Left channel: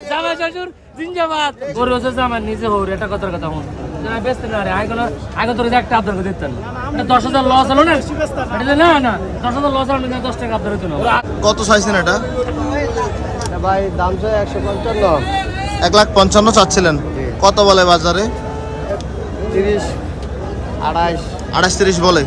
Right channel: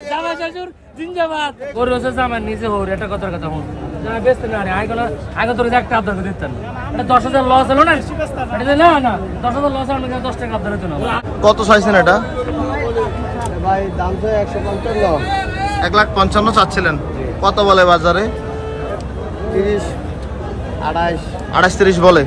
জামা শ্বশুর জিন্দাবাদ গরু আছে জামার নিচে হৌর এটা কথার কথা হন জামা বেচতে না রে আগে তোর একটা আবদার করে দিতেন না 10,000 লস হলো না না না 10,000 লস হলো না 10 টাকা আবদার হতো না কত চাইছেন এটা ভাই দাম তো 155 1,55,000 চাচ্ছিলেন কত বলে বাজারে 30 28 28-30 বলে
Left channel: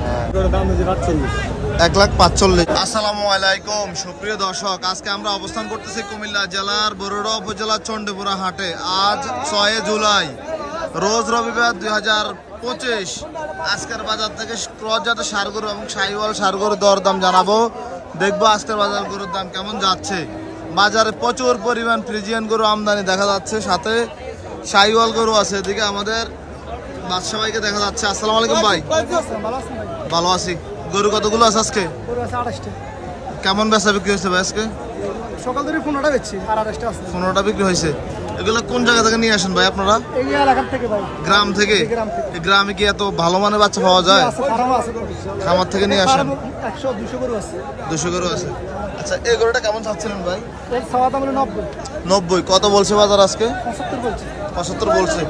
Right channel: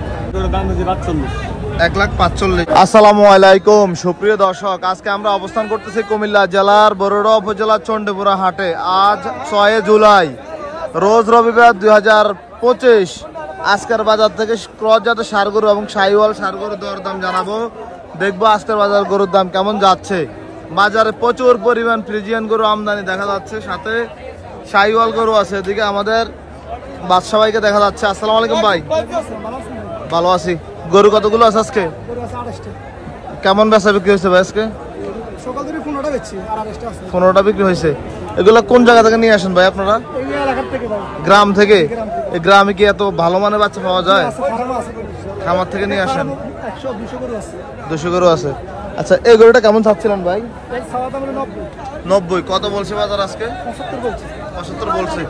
1,45,000। আসসালামু আলাইকুম সুপ্রিয় দর্শক, আজকে আমরা অবস্থান করতেছি কুমিল্লা জেলার বরুড়া উপজেলার চণ্ডীপুরা হাটে। আজ 6 জুলাই রোজ রবিবার 2025। আজকের বাজার থেকে ক্রস জাতের ষাঁড় গরু এবং শাহিওয়াল ষাঁড় গরুর দরদাম জানাবো। দেখবো আজকের বাজার গরুর দাম কেমন যাচ্ছে। বাজারে প্রচুর পরিমাণ ফ্রিজিয়ান গরু আমদানি দেখা যাচ্ছে, সাথে শাহিওয়াল গরু আছে। এদিকে আমাদের বাদশা ভাইকে দেখা যাচ্ছে। আসসালামু আলাইকুম ভাই। ভালো আছি। গরু কতগুলো আছে আজকে? কেমন বেচা বিক্রি হয়েছে ভাই আজকে? সকাল থেকে 15টা বেচছি আর 28টা আছে। 15টা বিক্রি হয়েছে। এগুলো কোন জায়গা থেকে নিয়ে আসেন ভাই আপনারা? এই এলাকা থেকে ভাই। গ্রাম থেকে? এই গ্রামে কি এত ভালো মানের বাচ্চা পাওয়া যায়? আছে, ফার্ম আছে তো। খামার থেকে নিয়ে আসেন? 100-200 গরু আছে। 200 গরু আছে। আচ্ছা, এই গরুটা কেমন চাচ্ছিলেন ভাই? এই সওয়া দাম 90। 90। কত বলছে বাজার আজকে? 75 বলছি। 75 বলছে।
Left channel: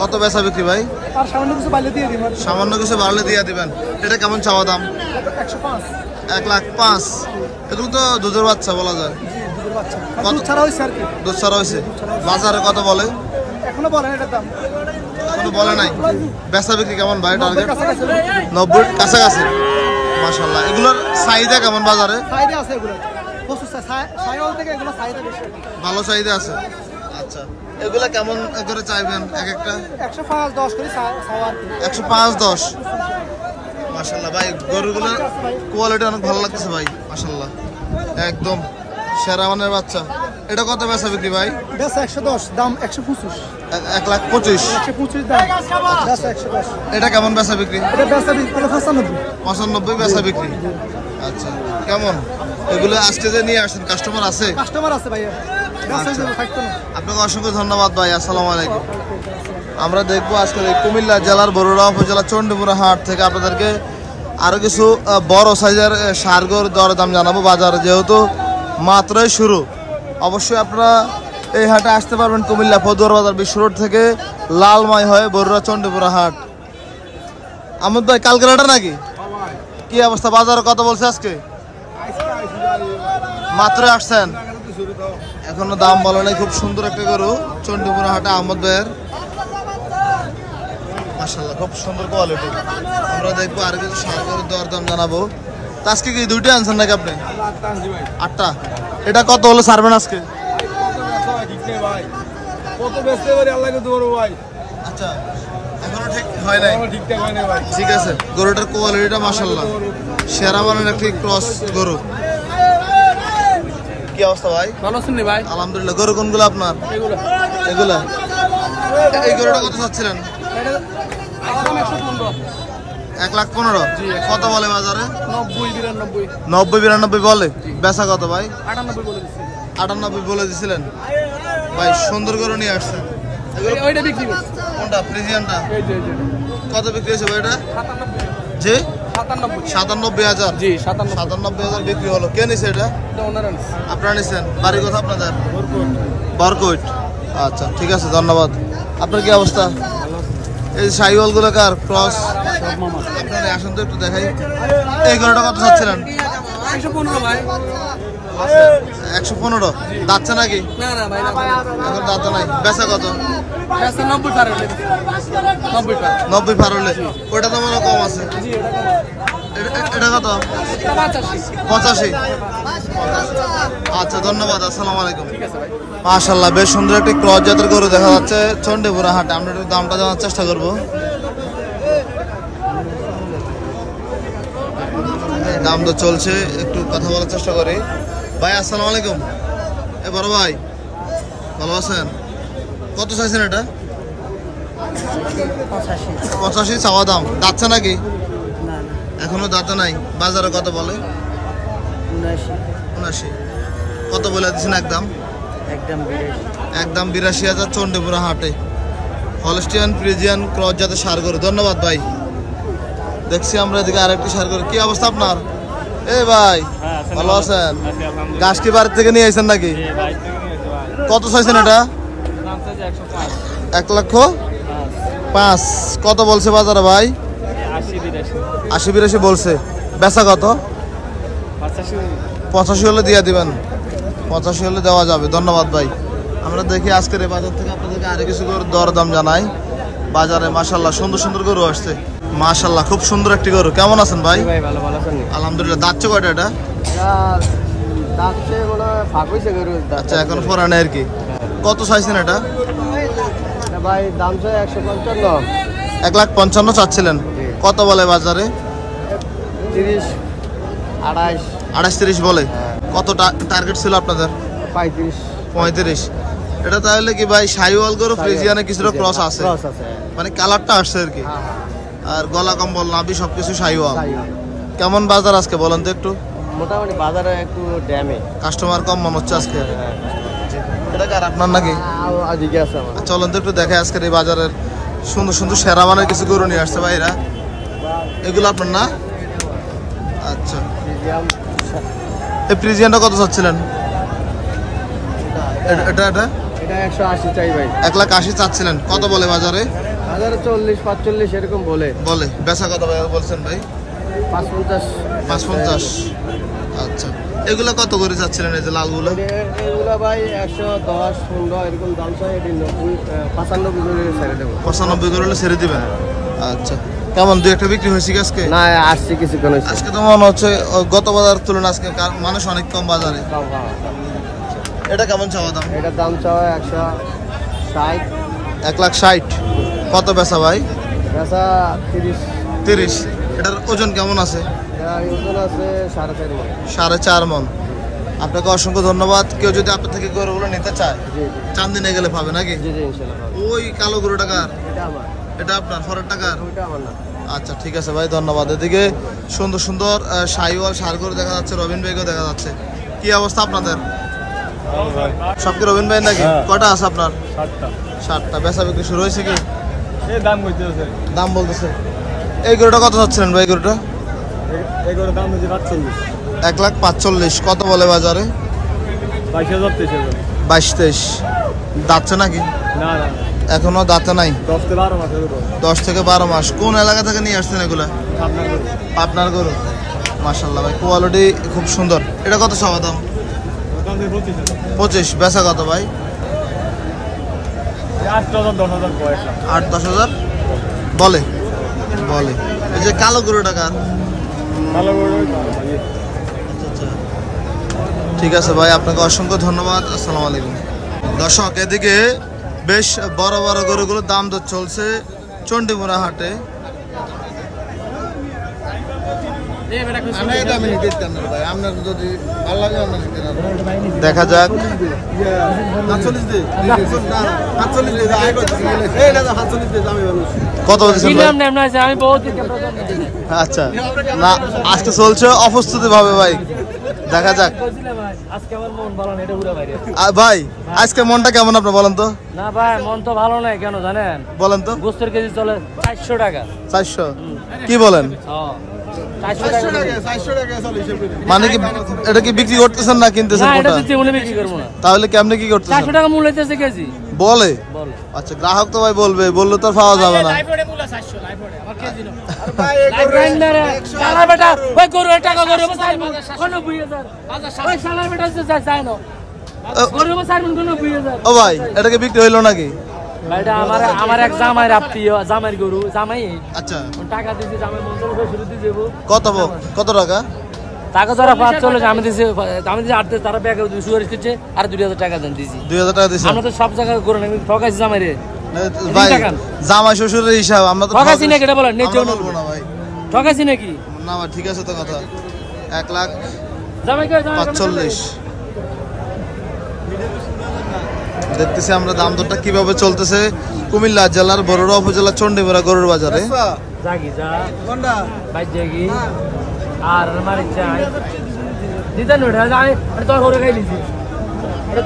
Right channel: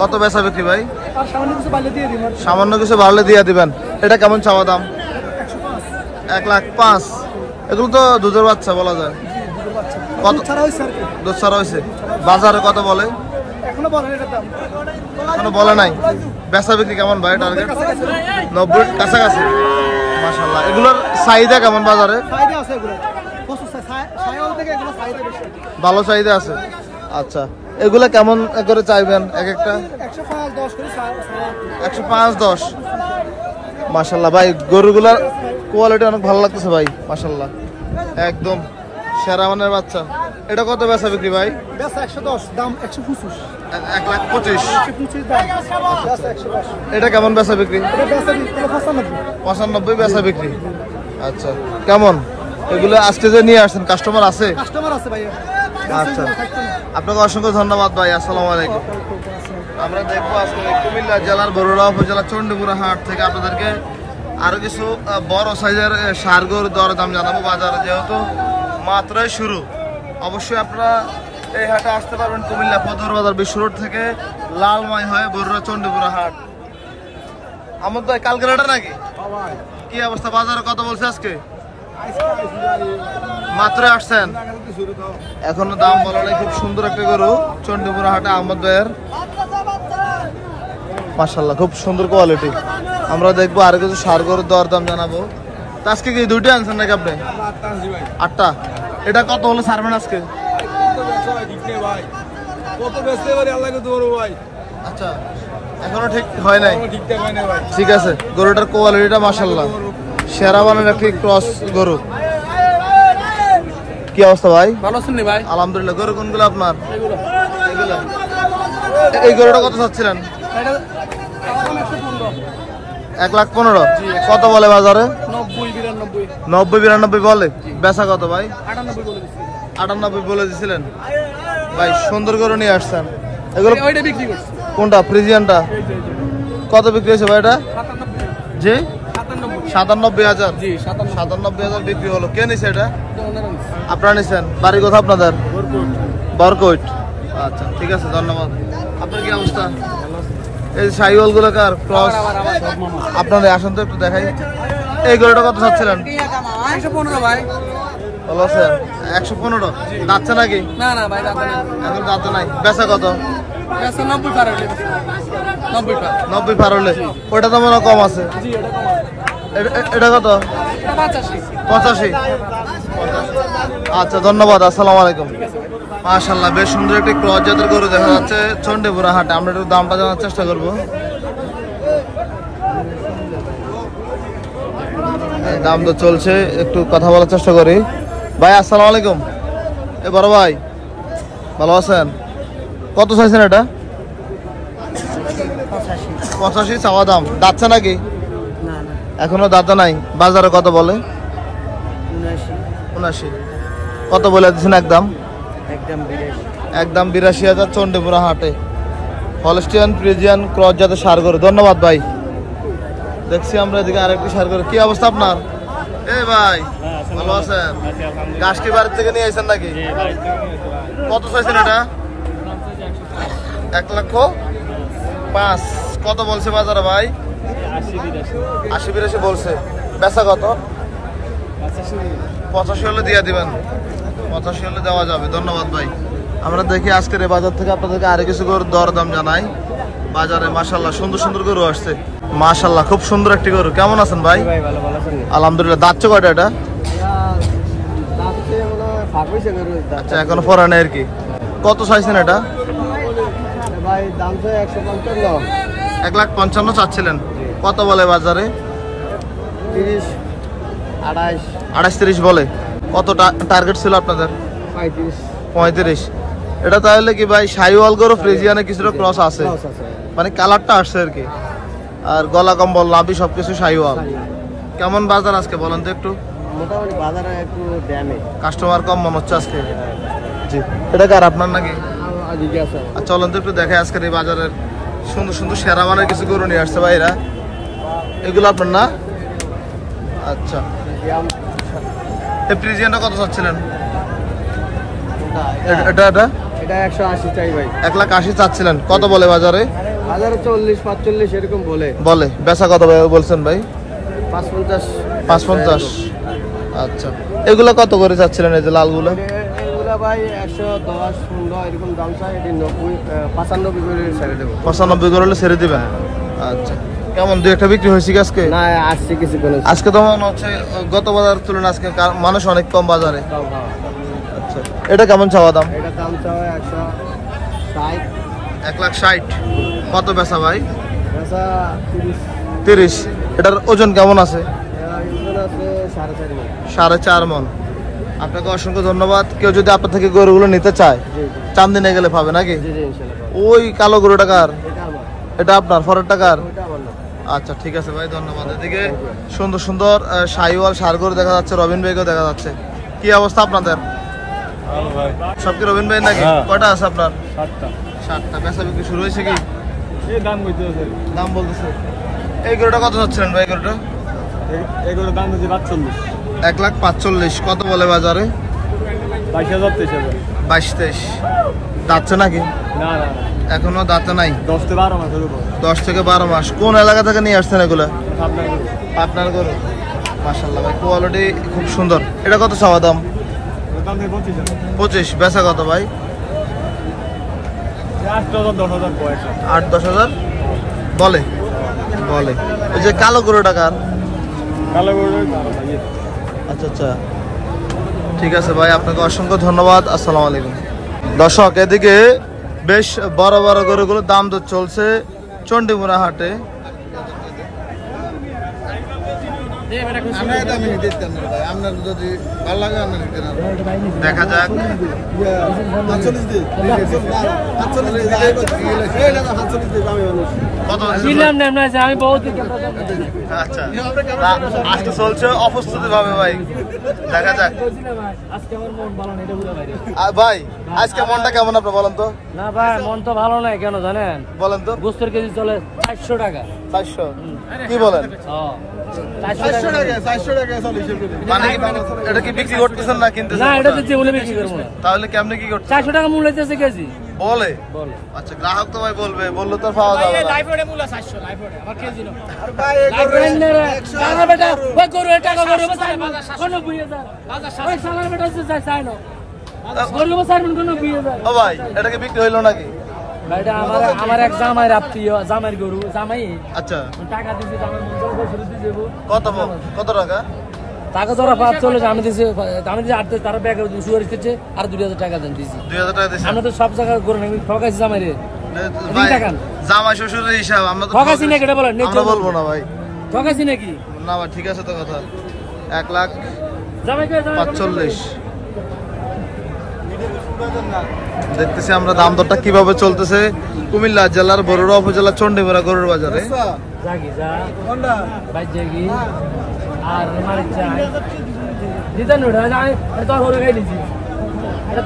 কত বেচা বিক্রি ভাই? আর সামান্য কিছু বাড়লে দিয়ে দিবেন। সামান্য কিছু বাড়লে দিয়ে দিবেন। এটা কেমন চাওয়া দাম? 105। 1,05,000। এগুলো তো দুধের বাচ্চা বলা যায়। জি, দুধের বাচ্চা। কত দুধ ছাড়া হইছে আর কি? দুধ ছাড়া হয়েছে। বাজারে কত বলে? এখনো বলেন এটার দাম। এখনো বলে নাই। বেচা বিক্রি কেমন ভাই টার্গেট? 90 কাছাকাছি। মাশাআল্লাহ। এগুলোর চাহিদা কেমন বাজারে? চাহিদা আছে এগুলো। প্রচুর সাইওয়াল থেকে এগুলো চাহিদা বেশি। ভালো চাহিদা আছে। আচ্ছা, এগুলা কেমন করে চাইবেন এক একটা? 105-10 করে চাওয়া। 105-10। মাশাআল্লাহ ভাই, গরুগুলার কোয়ালিটি অনেক ভালো লাগতেছে ভাই। মাশাআল্লাহ, একদম সেরা মানের বাচ্চা। এটা কত বেচা বিক্রি ভাই? বেচা 110, দাম 125। 1,25,000। 125 দাম। বেচা 110। এটা কেমন বেচা বিক্রি? এটা বেচা বিক্রি 95। 95 বেচা বিক্রি। আচ্ছা, কেমন এগুলো আজকে যে নিয়ে আসেন কাস্টমার আছে? কাস্টমার আছে ভাই। আচ্ছা, আপনাকে অসংখ্য ধন্যবাদ ভাই। আসসালামু আলাইকুম। আমরা দেখবো আজকে কুমিল্লা জেলার বরুড়া উপজেলা চণ্ডীপুরা হাট থেকে আপনাদেরকে আরো কিছু বড় সাইজের ষাঁড় গরুর দরদাম জানাবো। বাজারে যেহেতু মাত্রই শুরু, অবশ্যই আপনারা এই হাটে আসতে পারবেন। কুমিল্লা পদুয়ার বাজার বিশ্ব রোড থেকে লালমাই হয়ে বরুড়া চণ্ডীপুরা হাট। আমি ভাই কালকের হাটে নাকি? কি অবস্থা বাজারে কত বলছে আজকে? মাত্র আসছেন, এখনো দাম বলা নেই। খুব সুন্দর একটা গরু চণ্ডীপুরা হাটে আহমদ ভাইয়ের। মাশাআল্লাহ, খুব সুন্দর কোয়ালিটি। আমরা দেখবো আর কিছু ষাঁড় গরুর দরদাম জানাবো। তা আজকে কি দুইটা আনছেন নাকি আপনি? 8টা। এটা কত হলো ছাড়বেন আজকে? আচ্ছা, এখনো ঠিক হয় নাই। ঠিক আছে, গরুটার কোয়ালিটিটা মাশাআল্লাহ সেরা মানের একটি ক্রস গরু। কি অবস্থা ভাই? ভালো আছেন ভাই? আলহামদুলিল্লাহ। গরু কোনগুলো আপনার? এগুলো। এই গরুটা কত চাচ্ছিলেন? 1,15,000। কত বলে বাজারে? 90-92 বলে। বেচা কত ভাই? 98 বলে দিছিলেন ভাই। সুন্দর গরু নিয়ে আসছেন। এগুলো কোনটা? ফ্রিজিয়ানটা? কত বিক্রি হয়েছে ভাই এটা? জি 97,000। 97,000 বিক্রি হলো। কে নিছে এটা? আপনারা নিছেন? বাড়ি কোথা আপনাদের? বরকোট। আচ্ছা, ঠিক আছে, ধন্যবাদ। আপনার কি অবস্থা? এই শাহিওয়াল গুলো কার ক্রস? আপনাদের আসেন তো একটু দেখাই। এই গরুটা কত চাচ্ছিলেন? 115 ভাই। ভালো আছে। 115। যাচ্ছে নাকি? এখন দাঁতে নাই। বেচা কত? 90 পার হলে। 90 পার হলে। ওটা তো মনে কম আছে। এটা কত? 85। আচ্ছা, ধন্যবাদ। আসসালামু আলাইকুম। মাশাআল্লাহ, বেশ সুন্দর একটি ক্রস জাতের গরু দেখা যাচ্ছে চণ্ডীপুরা হাটে। আমরা একটু দামটা জানার চেষ্টা করবো। দাম তো চলছে, একটু কথা বলার চেষ্টা করি। ভাই আসসালামু আলাইকুম। এ বড় ভাই, ভালো আছেন? কত চাইছেন এটা? 85 চাওয়া দাম। দাঁতছে নাকি? এখনো দাঁতে নাই। বাজারে কত বলে? 79। কত বলে দিচ্ছেন একদম? একদম 82,000 চণ্ডীপুরা হাটে। হলস্টিয়ান ফ্রিজিয়ান ক্রস জাতের ষাঁড় গরু। ধন্যবাদ ভাই। দেখছি আমরা এদিকে আরেকটি ষাঁড় গরু। কি অবস্থা আপনার? এই ভাই ভালো আছেন? গাছটি বাড়ি থেকে নিয়ে এসেছেন নাকি? কত চাইছেন এটা? 1,05,000। কত বলছে বাজারে ভাই? 80-82 বলছে। বেচা কত? 85 হলে দিয়ে দিবেন। 85 হলে দেওয়া যাবে। ধন্যবাদ ভাই। আমরা দেখি আজকের এই বাজার থেকে আপনাদেরকে আরো কিছু গরুর দরদাম জানাই। বাজারে মাশাআল্লাহ সুন্দর সুন্দর গরু আসছে। মাশাআল্লাহ খুব সুন্দর একটি গরু। কেমন আছেন ভাই? আলহামদুলিল্লাহ। দাঁতছে কয়টা এটা? আচ্ছা এখনো পরা নেই আর কি। কত চাইছেন এটা? ভাই দাম তো 155। 1,55,000 চাচ্ছিলেন। কত বলে বাজারে? 30, 28, 28-30 বলে। কত টার্গেট ছিল আপনাদের? 35। এটা তাহলে কি ভাই শাহিওয়াল গরু ফ্রিজিয়ানে কিছুটা ক্রস আছে, মানে কালারটা আসছে আর কি। আর গলা কম্বল নাভি সবকিছু শাহিওয়াল। কেমন বাজার আজকে বলেন তো একটু? মোটামুটি বাজারে একটু ড্যামে কাস্টমার কম মনে হচ্ছে আজকে। এটা কার আপনার নাকি? চলেন তো একটু দেখে আজকের এই বাজারের সুন্দর সুন্দর সেরা মানের কিছু গরু নিয়ে আসছে ভাইরা। এগুলো আপনার না? আচ্ছা এই ফ্রিজিয়ানটা কত চাচ্ছিলেন? এটা 180 চাই ভাই। 1,80,000 চাচ্ছিলেন। কত বলে বাজারে? বাজারে 40-45 এরকম বলে। বেচা কত বলছেন ভাই? 550। আচ্ছা এগুলো কত করে চাচ্ছিলেন এই যে লালগুলো? এগুলা ভাই 110, 15 এরকম দাম চাই। 95 করে ছেড়ে দেবো। 95 করে হলে ছেড়ে দিবেন। আচ্ছা কেমন দুই একটা বিক্রি হয়েছে আজকে? না আসছে কিছু কোন। আজকে তো মনে হচ্ছে গত বাজার তুলনায় আজকে মানুষ অনেক কম বাজারে। এটা কেমন চাওয়া দাম? এটা দাম চাওয়া 160। 1,60,000। কত বেচা ভাই? বেচা 30। এটার ওজন কেমন আছে? ওজন আছে 4.5 মণ। 4.5 মণ। আপনাকে অসংখ্য ধন্যবাদ। কেউ যদি আপনার থেকে গরুগুলো নিতে চায় চান্দিনে গেলে পাবে নাকি? ওই কালো গরুটা কার? এটা আপনার ফরের টাকার? আচ্ছা ঠিক আছে ভাই ধন্যবাদ। এদিকে সুন্দর সুন্দর শাহিওয়াল ষাঁড় গরু দেখা যাচ্ছে, রবিন ভাইকেও দেখা যাচ্ছে। কি অবস্থা আপনাদের? সব কি রবিন ভাই নাকি? কটা আছে আপনার? 7টা। বেচা বিক্রি শুরু হয়েছে কি? দাম বলতেছে। এই গরুটা কত চাচ্ছিলেন ভাই? গরুটা 1,45,000। কত বলে বাজারে? 22-23। দাঁতছে নাকি? এখনো দাঁতে নাই। 10 থেকে 12 মাস। কোন এলাকা থেকে নিয়ে আসছেন এগুলা? পাবনার গরু। মাশাআল্লাহ ভাই কোয়ালিটি খুব সুন্দর। এটা কত চাওয়া দাম? 25। বেচা কত ভাই? 8-10,000 বলে। এই যে কালো গরুটা কার? আচ্ছা ঠিক আছে ভাই আপনাকে অসংখ্য ধন্যবাদ। আসসালামু আলাইকুম। দর্শক এদিকে বেশ বড় বড় গরুগুলোর দাম তো চলছে চণ্ডীমুড়া হাটে। দেখা যাক কত আচ্ছা আজকে চলছে অপ্রস্তুতি ভাবে ভাই। দেখা যাক ভাই আজকে মনটা কেমন আপনার বলেন তো? না ভাই মন তো ভালো নাই। কেন জানেন? বলেন তো। গোস্তের কেজি চলে 400 টাকা। 400? কি বলেন? 400 টাকা। মানে কি এটা কি বিক্রি করতেছেন না কিনতেছেন? না এটা দিতে বলে বিক্রি করব না। তাহলে কেমনে কি করতেছেন? 400 টাকা মূল্য হইতেছে কেজি। বলে? আচ্ছা গ্রাহক তো ভাই বলবে, বললে তো পাওয়া যাবে না। লাইভ ওড়ে মূল্য 400 লাইভ ওড়ে আমার কেজি না। আর ভাই এই গরু বেটা ওই গরু টাকা গরু 90,000 ওই শালার বেটা চাই না গরু 90,000। ও ভাই এটা কি বিক্রি হইলো নাকি? ভাইটা আমার এক জামাই আত্মীয় জামাইর গরু জামাই। আচ্ছা টাকা দিছি জামাই মঞ্জুর করে শুরু দিয়ে দেব। কত টাকা? টাকা ধরা 540 আমি দিছি 8 তারা ব্যাগে সুয়ারিশ করছে আর 2,000 টাকা দেন দিছি। 2,000 টাকা দিছি। আমরা তো সব জায়গা করে আমি ঠকাইছি জামাইরে। ভাই জামাই শ্বশুরের হিসাব আমরা তো ঠকাইছি না কেটে বলেন আমরা বলবো না ভাই। ঠকাইছি নাকি? না ভাই ঠিক আছে তো কথা। 1,45,000 দেখতেছি আমরা দাম দরটা কিভাবে চলতেছে কুমিল্লা জেলার বরুড়া উপজেলা চণ্ডীমুড়া গরুর বাজারে। জাগি যা কোনটা ভাই জাগি আর মারি চাই দিতেন ওটা আমি এটা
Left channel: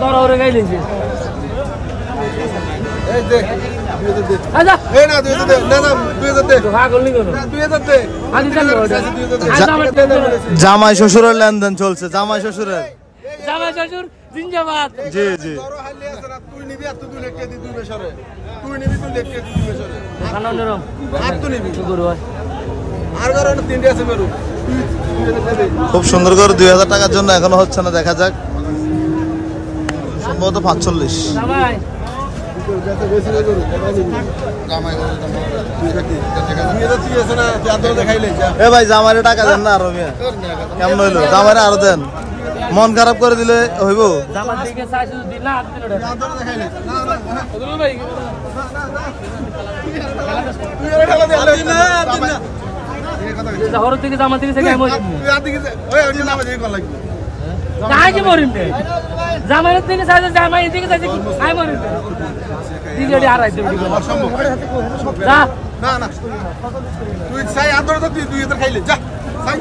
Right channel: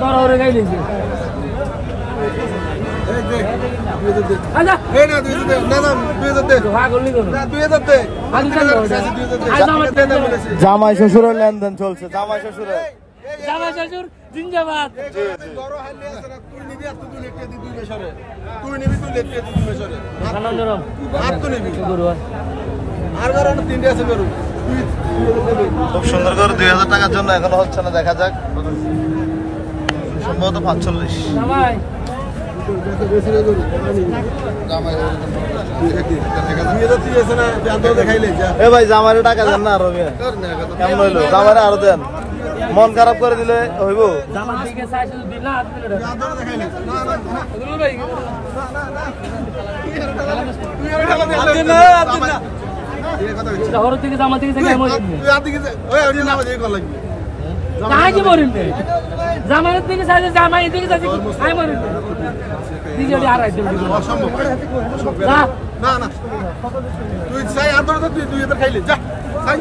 তোর ওরে গাইলিছি। এই দেখ আচ্ছা এই না 2000 দে না না 2000 দে পাগল নি কোনো না 2000 দে আমি জানি ওটা। জামাই শ্বশুরের লেনদেন চলছে, জামাই শ্বশুরের। জামাই শ্বশুর জিন্দাবাদ। জি জি। বড় হাইলে আছে না তুই নিবি আর তুই লেটকে দি দুই বেশরে তুই নিবি তুই লেটকে দি দুই বেশরে খানা নরম আর তুই নিবি গরু হয় আর কারণ তিনটে আছে গরু তুই দেবে খুব সুন্দর করে 2000 টাকার জন্য এখনো হচ্ছে না, দেখা যাক। সম্ভবত 45। জামাই বেশি রে গরু জামাই তুই আছে না জাদু দেখাইলে যা এ ভাই জামাইরে টাকা দেন না আরো কেমন হইলো? জামাইরে আরো দেন, মন খারাপ করে দিলে হইব। জামাই দিকে চাইছে তো দিন না হাত দিল ওটা জাদু দেখাইলে না না ভাই তুই এটা কথা শহর থেকে জামা থেকে থেকে মরিম তুই আদি কি ওই ওই নাম দিয়ে কল লাগবে কাই যে মরিম রে জামাইয়ের থেকে চাইছে জামাই থেকে চাইছে আই মরিম দিকে আড়াই দেব অসম্ভব যা না না তুই চাই আদর তো তুই এটা খাইলে যা চাই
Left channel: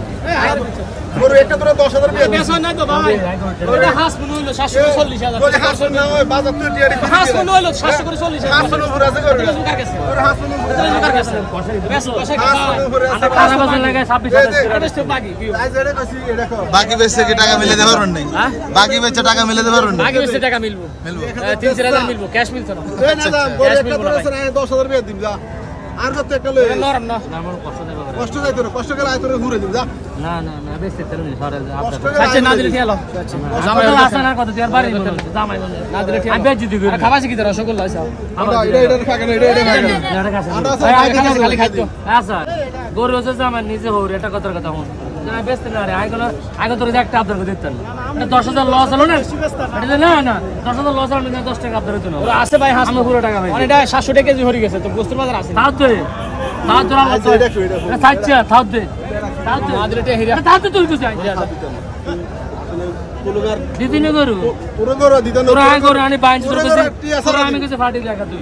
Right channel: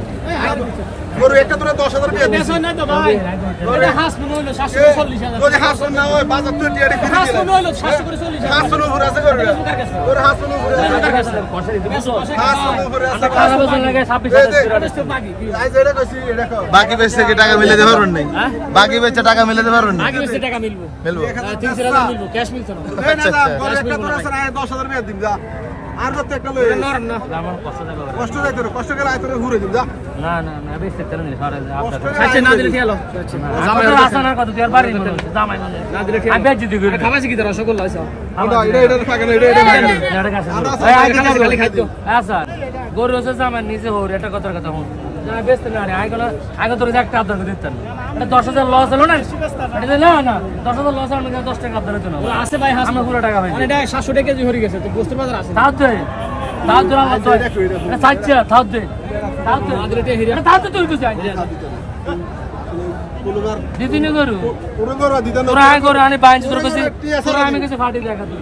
গরু একটা তোরা 10000 টাকা দিছ না তো ভাই ওটা হাস মনে হলো 740,000 ওই হাসন না ওই বাজার তুই টিয়ারি ফিরে হাস মনে হলো 740,000 হাসন উপরে আছে গরু ওর হাসন উপরে হাসন উপরে আছে টাকা বছর লাগে 26,000 বাকি আই যেটা কইছি এটা কর বাকি বেচে কি টাকা মিলে দেবে পারবেন নাই? বাকি বেচে টাকা মিলে দেবে পারবেন নাই? বাকি বেশি টাকা মিলবো মিলবো। 30,000 মিলবো ক্যাশ মিলতো না না না গরু একটা তোরা আছে না 10000 টাকা দিম যা আর যত একটা লই নরম না আমার কষ্ট দেব কষ্ট যাইতো না কষ্ট গেলে আই তোরে ঘুরে দিম যা না না না বেশি তেল নেই সরে আপনার কষ্ট গেলে না দিলে খেলো জামাই আসা না কত তোর বাড়ি মনে হচ্ছে জামাই মনে আমি বেজ দিতে করি খাবাসি কি তোর রসগোল্লা আছে এটা থাকে না এটা খাইলে এটা কাছে খালি খাইতো আচ্ছা গরু হচ্ছে জামাই নিজে হোর এটা কত কথা হন জামাই বেচতে না রে আগে তোর একটা আবদার করে দিতেন না এটা 10,000 লস হলো না এটা না না 10,000 লস হলো না 10 টাকা আবদার হতো না আছে ভাই হাস আমি পুরো টাকা ভাই এটা 700 টাকা কেজি হয়ে গেছে তো গোস্তের বাজার আছে তাও দে এটা সাচ্চা তাও দে আদরেটা হিরা তাও তো তুই তো চাই কোনবার দিদিনে গরু পুরো গরু দিতা না তোরা আগে গরু আনি বাইন তোর কাছে তোরা আমি কাছে ফাটি দেখা তুই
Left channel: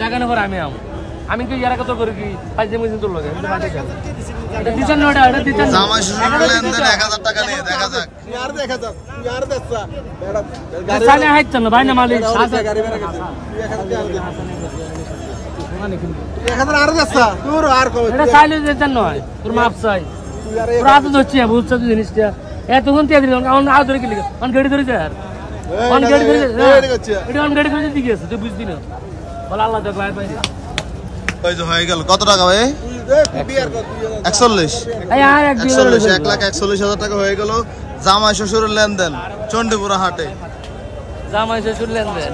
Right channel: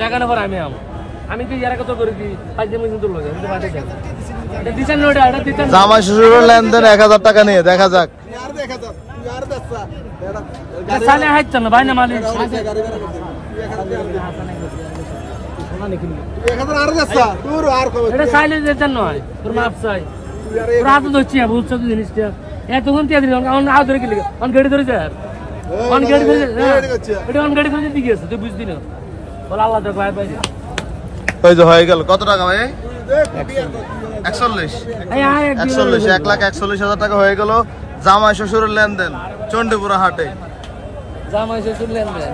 দেখানোর পর আমি কি ইয়ারা কত করি কি 5 দিন মধ্যে তোর লগে এটা ফাটি দেখা এটা দিছেন না এটা দিছেন না জামাই শ্বশুরের লেনদেন 1000 টাকা নিয়ে দেখা যাক। यार देखा जा यार दस्सा बेटा সালে হাইতো না ভাই না মালিক गाड़ी में रखा एक हजार आर दस्सा दूर आर को এটা সাইলে দিতেন নয় তোর মাপ চাই यार তোর হাতে ধরছি বুঝছো তুই জিনিসটা এতক্ষণ তিয়া দিল কারণ আউ ধরে কি লিখে অন গাড়ি ধরে যা অন গাড়ি ধরে এটা অন গাড়ি ধরে দিকে আছে তুই বুঝদি না বল আল্লাহ দেখ ভাই ভাই ওই যে হয়ে গেল কত টাকা ভাই? 41। এই আয় 41 1,41,000 টাকা হয়ে গেল জামাই শ্বশুরের লেনদেন চণ্ডীপুরা হাটে। জামাই শ্বশুর লেনদেন